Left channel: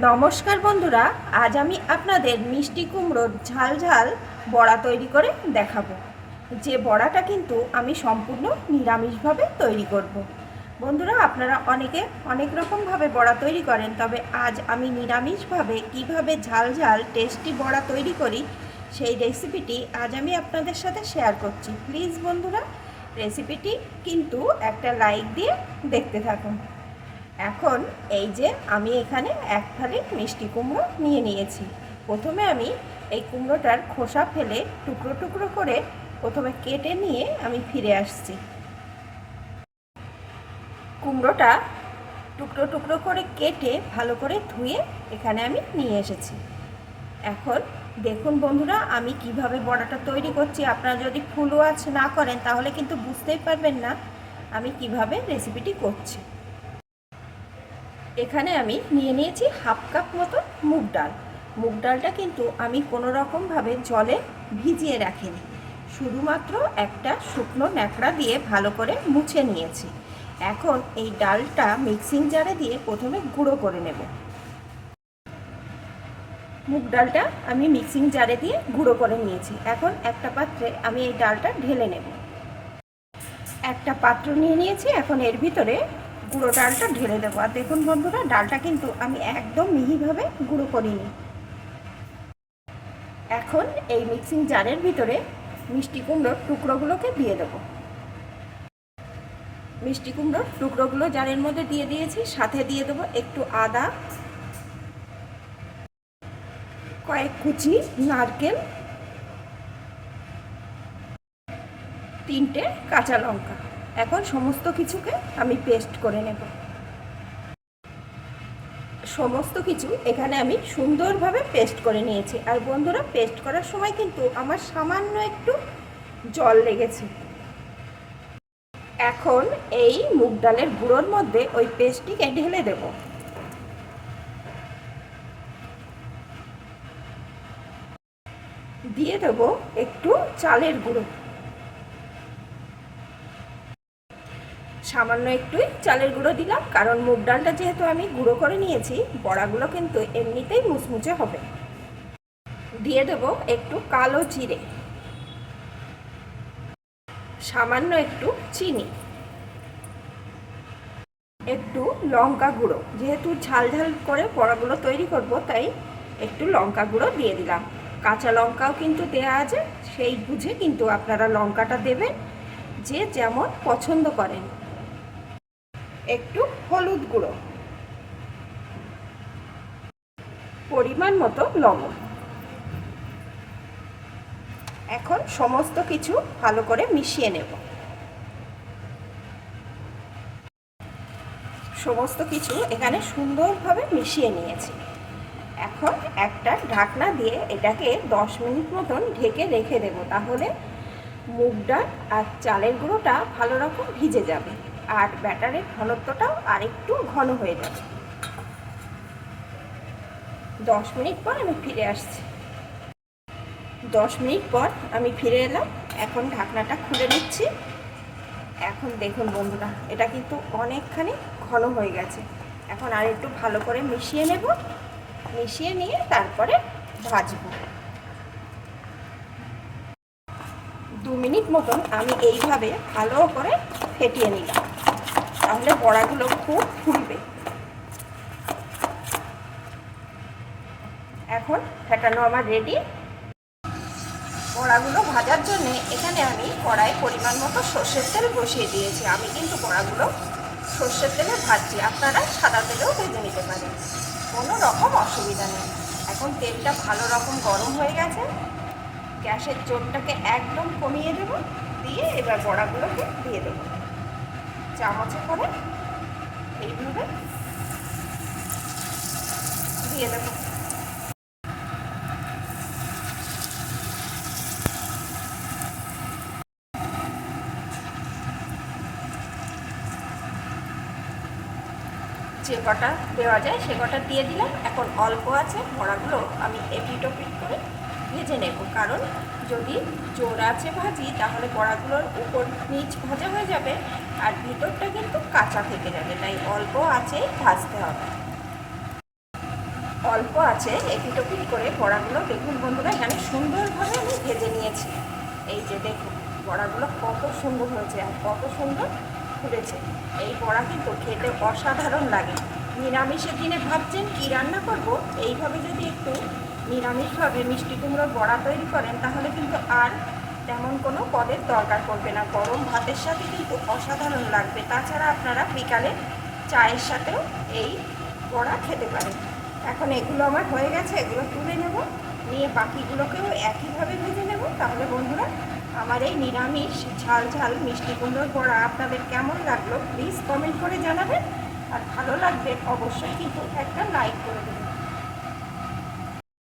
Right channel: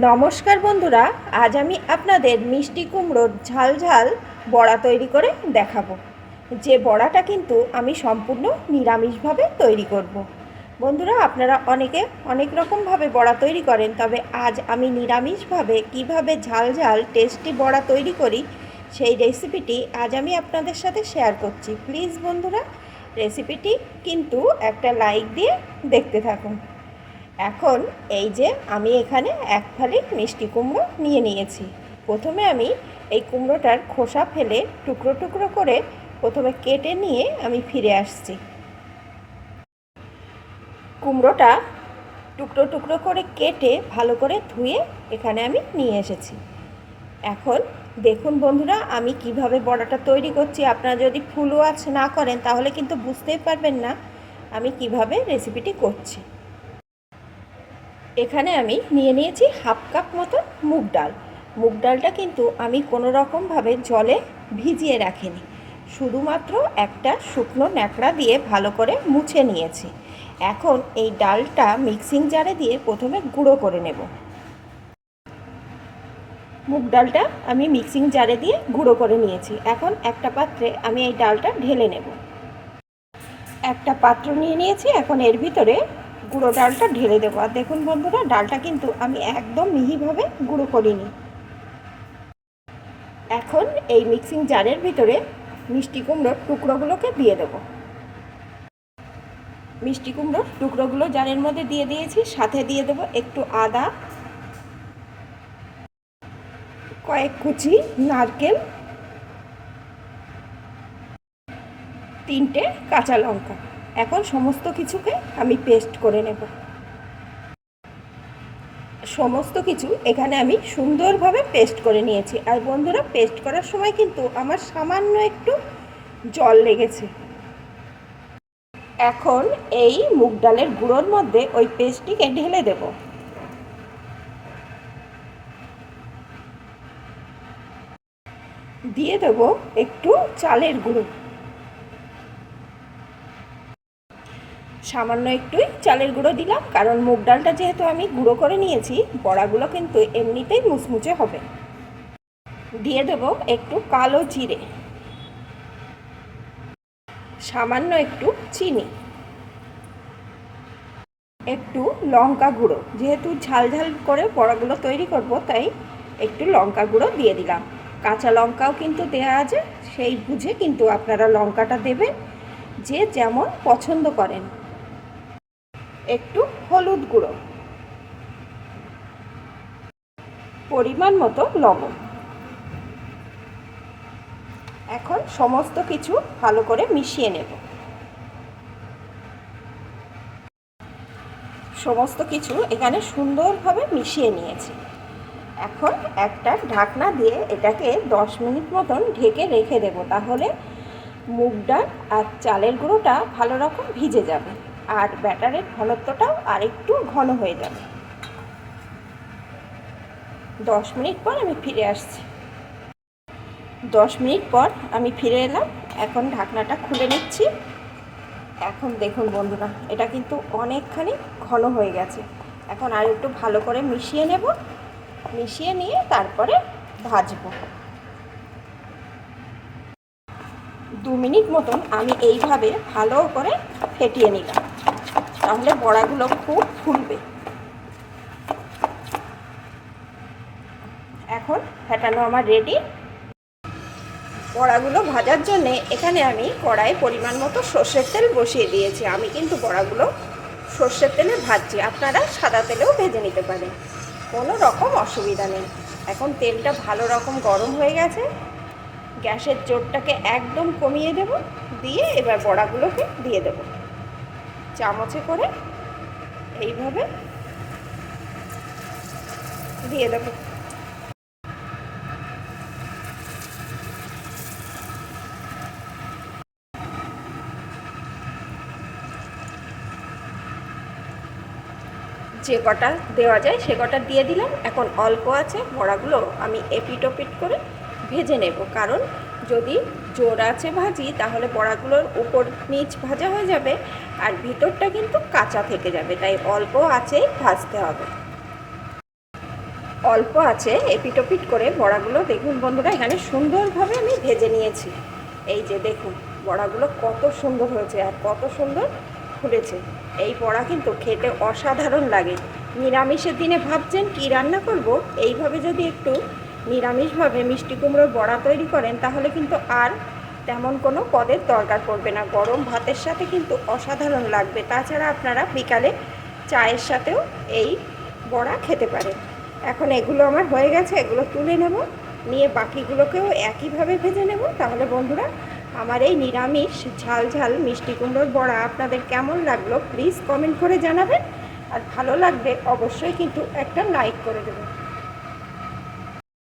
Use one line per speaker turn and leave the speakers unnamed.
নমস্কার বন্ধুরা, আজ আমি আপনাদের মিষ্টি কুমড়োর ঝাল ঝাল বড়া তৈরি করে দেখাবো। যে বড়াটা কিন্তু আমি সম্পূর্ণ নিরামিষভাবে তৈরি করব। বন্ধুরা, আপনারা অনেকে অনেক রকমভাবে বড়া তৈরি করেন, তবে আজ আমি নিরামিষভাবে কীভাবে ঝাল ঝাল টেস্টি বড়া তৈরি করি সেই রেসিপিটি আজ আমি আপনাদের সাথে শেয়ার করছি। প্লিজ বন্ধুরা, রেসিপিটি কিন্তু একটা লাইক দিয়ে দেখতে থাকুন। এখন এই যে আমি এখানে এক থালি মিষ্টি কুমড়ো নিয়ে নিয়েছি। প্রথমে আমি এই কুমড়োটার খোসা ফেলে টুকরো টুকরো করে প্রথমে কেটে নিয়ে আমি ফিরে আসছি। কুমড়োটা টুকরো টুকরো করে কেটে ভালো করে ধুয়ে এখানে আমি নিয়ে এসেছি। এখন দেখুন বন্ধুরা, আমি কীভাবে বড়াটা তৈরি করছি। আপনারা যদি ফুল না করেন, তাহলে কিন্তু বুঝতেই পারবেন না আমি কীভাবে রেসিপিটি করছি। এখানে আমি নিয়ে নিয়েছি হাফ কাপ মতো মুগ ডাল। মুগ ডালটা কিন্তু আমি কোনো রকমভাবে জলে ভিজিয়ে রাখিনি। শুধুমাত্র একটা শুকনো ন্যাকড়া দিয়ে ভালো করে মুছে নিয়েছি। এখন এই ডালটা মিক্সিং জারে দিয়ে প্রথমে গুঁড়ো করে নেব। মুগ ডালটা আমি মিক্সিং জারে দিয়ে গুঁড়ো করে নিয়েছি। এখন একটা পাত্রে আমি এই ডালটা ঢেলে নেব। একটা পাত্র নিয়ে নিয়েছি। এখন এর ভিতরে গুঁড়ো ডালটা ঢেলে দেবো। আর দেখুন বন্ধুরা, ডালটা কিন্তু আমি একদম মিহিভাবে গুঁড়ো করিনি। এখন এই মিক্সিং জারের ভিতরে মিষ্টি কুমড়োর টুকরোগুলোকে দিয়ে দেবো। মিষ্টি কুমড়োর টুকরোগুলো জারের মধ্যে দিয়ে দিয়েছি, সাথে দিয়ে দেবো একটু আদা, কয়েক কুচি নারকেল, তিনটে কাঁচা লঙ্কা। এখন সমস্ত কিছুকে আমি পেস্ট করে নেব। সমস্ত কিছু এখানে আমি সুন্দরভাবে পেস্ট করে নিয়েছি। আর বন্ধুরা পেস্ট করার সময় কিন্তু আমার সামান্য একটু জল লেগেছে। এখন এই মুগ ডালের গুঁড়োর মধ্যে ওই পেস্টটিকে ঢেলে দেব। দিয়ে দেব একটু চালের গুঁড়ো। সামান্য একটুই চালের গুঁড়ো দিলাম, কারণ মুগ ডালটা যেহেতু আমি গুঁড়ো করে নিয়েছি, বড়াগুলো কিন্তু এমনিতেই মুচমুচে হবে। দিয়ে দেব একটু কালো জিরে। সামান্য একটু চিনি। একটু লঙ্কা গুঁড়ো। যেহেতু ঝাল ঝাল করে বড়াগুলো তৈরি করব, তাই একটু লঙ্কা গুঁড়ো দিয়ে দিলাম। কাঁচা লঙ্কাও কিন্তু দেওয়া আছে, সেই বুঝে কিন্তু আপনারা লঙ্কাটা দেবেন, যে যেমন পছন্দ করেন। একটু হলুদ গুঁড়ো। পরিমাণ মতো লবণ। এখন সমস্ত কিছু ভালো করে মিশিয়ে নেব। সমস্ত কিছু এখানে সুন্দরভাবে মিশিয়ে নিয়েছি। এখন একটা ঢাকনা দিয়ে এটাকে দশ মিনিট মতন ঢেকে রেখে দেব, তাহলে মুগ ডাল আর চালের গুঁড়োটা ভালো রকম ভিজে যাবে। আর ব্যাটারের ঘনত্বটাও আরেকটু ঘন হয়ে যাবে। দশ মিনিট পর আমি ফিরে আসছি। দশ মিনিট পর আমি ফিরে এলাম। এখন ঢাকনাটা খুলে নিচ্ছি। এখন দেখুন বন্ধুরা, এটা কিন্তু অনেকখানি ঘন হয়ে গেছে। এখন আর একটু ভালো করে মিশিয়ে নেব। মিশিয়ে নিয়ে তারপরে ভাজবো। দু মিনিট মতন আমি এইভাবে ভালো করে ফেটিয়ে নিলাম। তাহলে বড়াগুলো খুব ফুলবে। এখন ফেটানো আমার রেডি বড়াগুলো ভাজার জন্য এখানে আমি কড়াই পরিমাণ মতো সর্ষের তেল বসিয়ে দিয়েছি। আমি কিন্তু বড়াগুলো সর্ষের তেলে ভাজছি। আপনারা সাদা তেলেও ভেজে নিতে পারেন। কোনো রকম অসুবিধা নেই। এখন তেলটা ভালো রকম গরম হয়ে গেছে। গ্যাসের জোরটাকে একদম কমিয়ে দেব। দিয়ে এবার বড়াগুলোকে দিয়ে দেব। চামচে করে এইভাবে দিয়ে দেবো। যে কটা দেওয়া যায় সে কটা দিয়ে দিলাম। এখন অল্প আছে বড়াগুলো আমি এপিট ওপিট করে ভেজে নেব, কারণ যদি জোর আছে ভাজি, তাহলে বড়াগুলোর উপর নিচ ভাজা হয়ে যাবে আর ভিতরটা কিন্তু কাঁচা থেকে যাবে, তাই অল্প আছেই ভাজতে হবে। অল্প আছে এপিটোপিট করে বড়াগুলো, দেখুন বন্ধুরা, এখানে সুন্দরভাবে আমি ভেজে নিয়েছি। এই যে দেখুন, বড়াগুলো কত সুন্দর হয়েছে আর কত সুন্দর ফুলেছে। এই বড়া কিন্তু খেতে অসাধারণ লাগে। নিরামিষের দিনে ভাবছেন কি রান্না করব? এইভাবে যদি একটু নিরামিষভাবে মিষ্টি কুমড়োর বড়া তৈরি করেন, তাহলে কিন্তু আর তেমন কোনো পদের দরকার পড়বে না। গরম ভাতের সাথে কিন্তু অসাধারণ লাগবে। তাছাড়া আপনারা বিকালে চায়ের সাথেও এই বড়া খেতে পারেন। এখন এগুলো আমার হয়ে গেছে, এগুলো তুলে নেব। নিয়ে বাকিগুলোকেও একইভাবে ভেজে নেব। তাহলে বন্ধুরা, আমার এই নিরামিষ ঝাল ঝাল মিষ্টি কুমড়োর বড়া আপনাদের কেমন লাগল প্লিজ কমেন্ট করে জানাবেন। আর ভালো লাগবে অবশ্যই কিন্তু একটা লাইক করে দেবেন।